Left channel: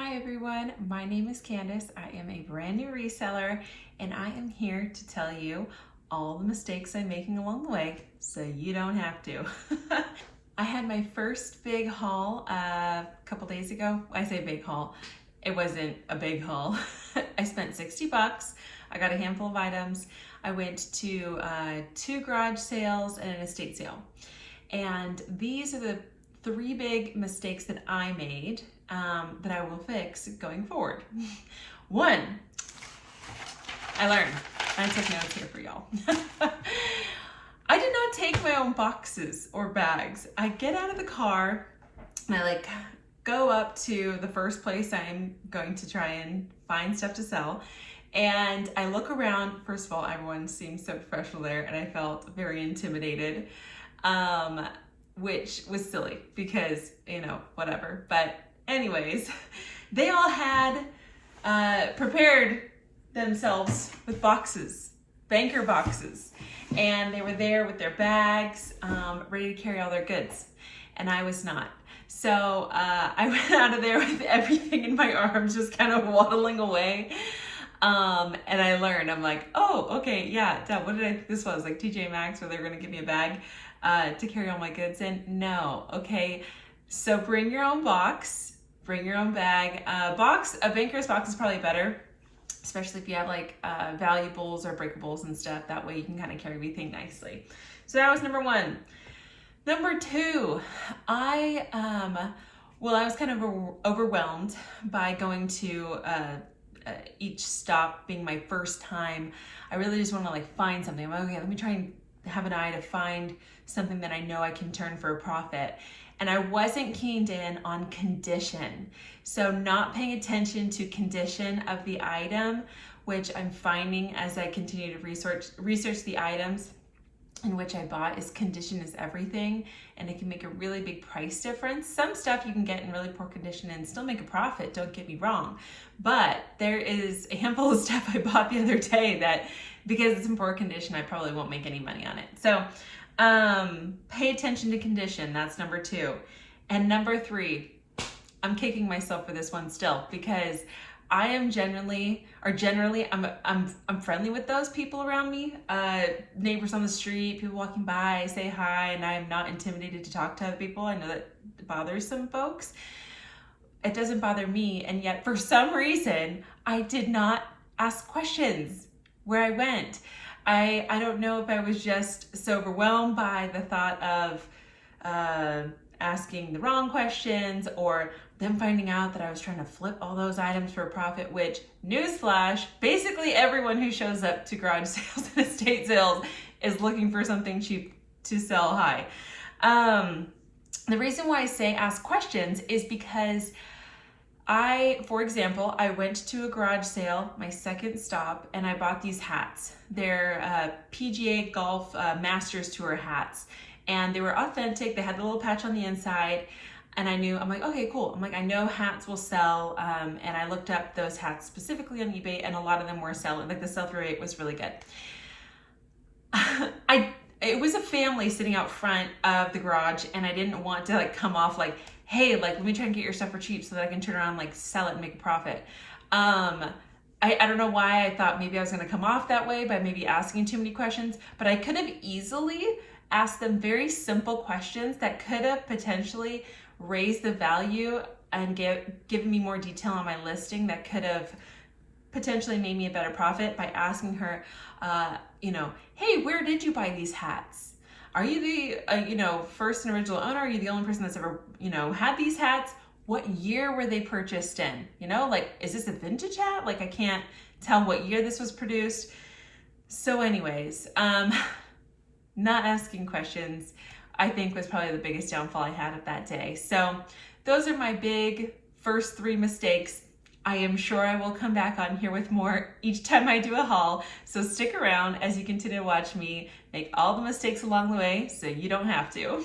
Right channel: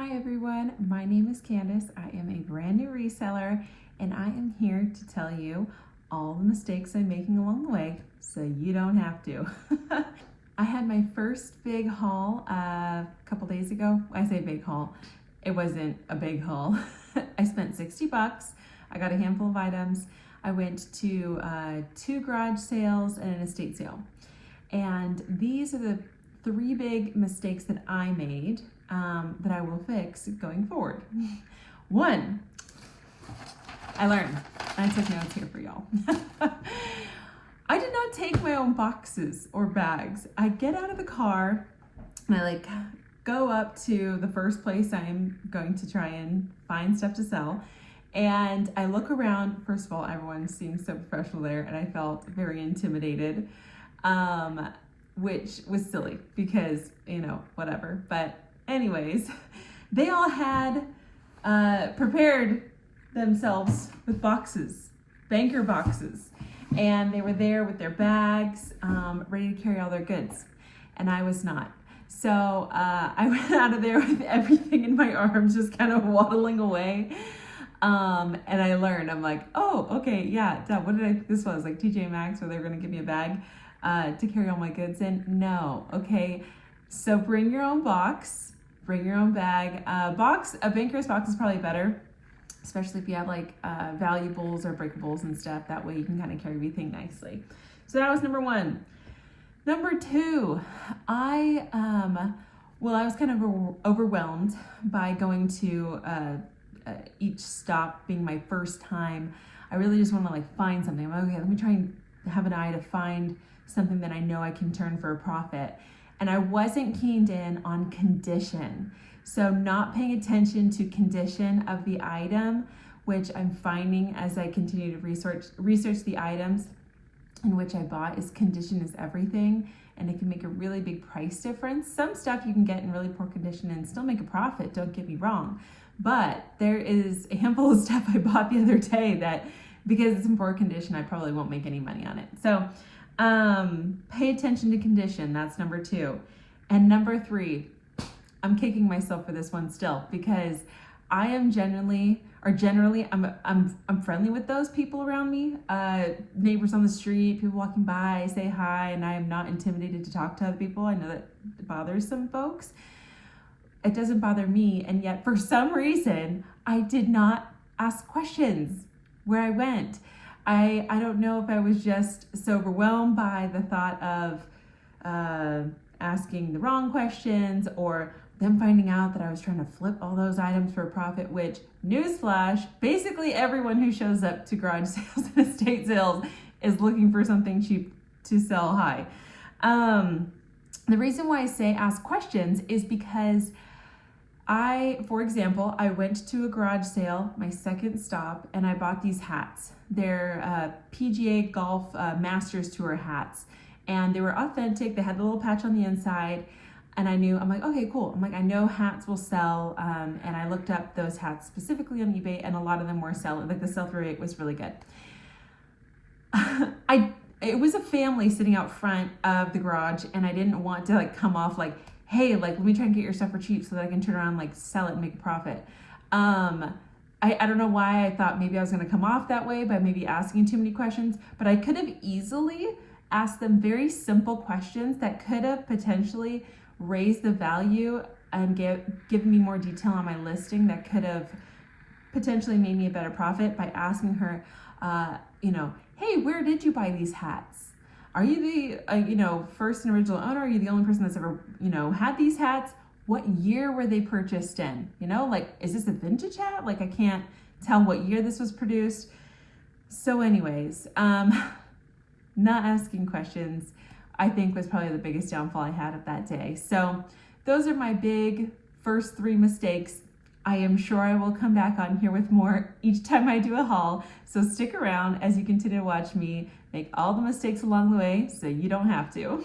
Hi everyone, my name is Candice. I am a brand new reseller and I am here to tell you all the mistakes I'm making along the way so you don't have to. I had my first big haul a couple days ago. I say big haul, it wasn't a big haul. I spent 60 bucks. I got a handful of items. I went to 2 garage sales and an estate sale. And these are the 3 big mistakes that I made that I will fix going forward. 1, I learned. I took notes here for y'all. I did not take my own boxes or bags. I get out of the car and I go up to the first place I'm going to try and find stuff to sell. And I look around. First of all, everyone seems so professional there and I felt very intimidated, which was silly because, whatever. But anyways, they all had prepared themselves with boxes, banker boxes, and they were there with their bags, ready to carry all their goods, and I was not. So I went out of there with everything in my arms, just kind of waddling away. And I learned, I'm like, oh, okay, yeah, what did I think this was? Like TJ Maxx, where they were gonna give me a bag to carry all my goods in? No, okay. So bring your own box, bring your own bag. A banker's box is probably better, especially if you have valuables or breakables and stuff. That way you can kind of carry everything nicely. So that was number 1. Number 2, I was kind of overwhelmed by going to each stop being my first time. I really just want to find something. I'm like, okay, let me try and have an eye to find something that I know I can turn for a profit. And I wasn't keyed in on condition. So not paying attention to condition of the item, which I'm finding as I continue to research the items in which I bought, is condition is everything, and it can make a really big price difference. Some stuff you can get in really poor condition and still make a profit, don't get me wrong. But there is a handful of stuff I bought the other day that, because it's in poor condition, I probably won't make any money on it. So pay attention to condition. That's number 2. And number 3, I'm kicking myself for this one still, because I am generally I'm friendly with those people around me, neighbors on the street, people walking by, say hi, and I'm not intimidated to talk to other people. I know that bothers some folks. It doesn't bother me, and yet for some reason I did not ask questions where I went. I don't know if I was just so overwhelmed by the thought of asking the wrong questions, or them finding out that I was trying to flip all those items for a profit, which, newsflash, basically everyone who shows up to garage sales and estate sales is looking for something cheap to sell high. The reason why I say ask questions is because for example, I went to a garage sale, my second stop, and I bought these hats. They're PGA Golf Masters Tour hats, and they were authentic. They had the little patch on the inside, and I'm like, okay, cool. I'm like, I know hats will sell, and I looked up those hats specifically on eBay, and a lot of them were selling. The sell-through rate was really good. It was a family sitting out front of the garage, and I didn't want to come off hey, let me try and get your stuff for cheap so that I can turn around sell it and make a profit. I don't know why I thought maybe I was going to come off that way by maybe asking too many questions, but I could have easily asked them very simple questions that could have potentially raised the value and given me more detail on my listing, that could have potentially made me a better profit by asking her, hey, where did you buy these hats? Are you the first and original owner? Are you the only person that's ever had these hats? What year were they purchased in? Is this a vintage hat? I can't tell what year this was produced. So anyways, not asking questions, I think, was probably the biggest downfall I had of that day. So those are my big first 3 mistakes. I am sure I will come back on here with more each time I do a haul. So stick around as you continue to watch me make all the mistakes along the way so you don't have to.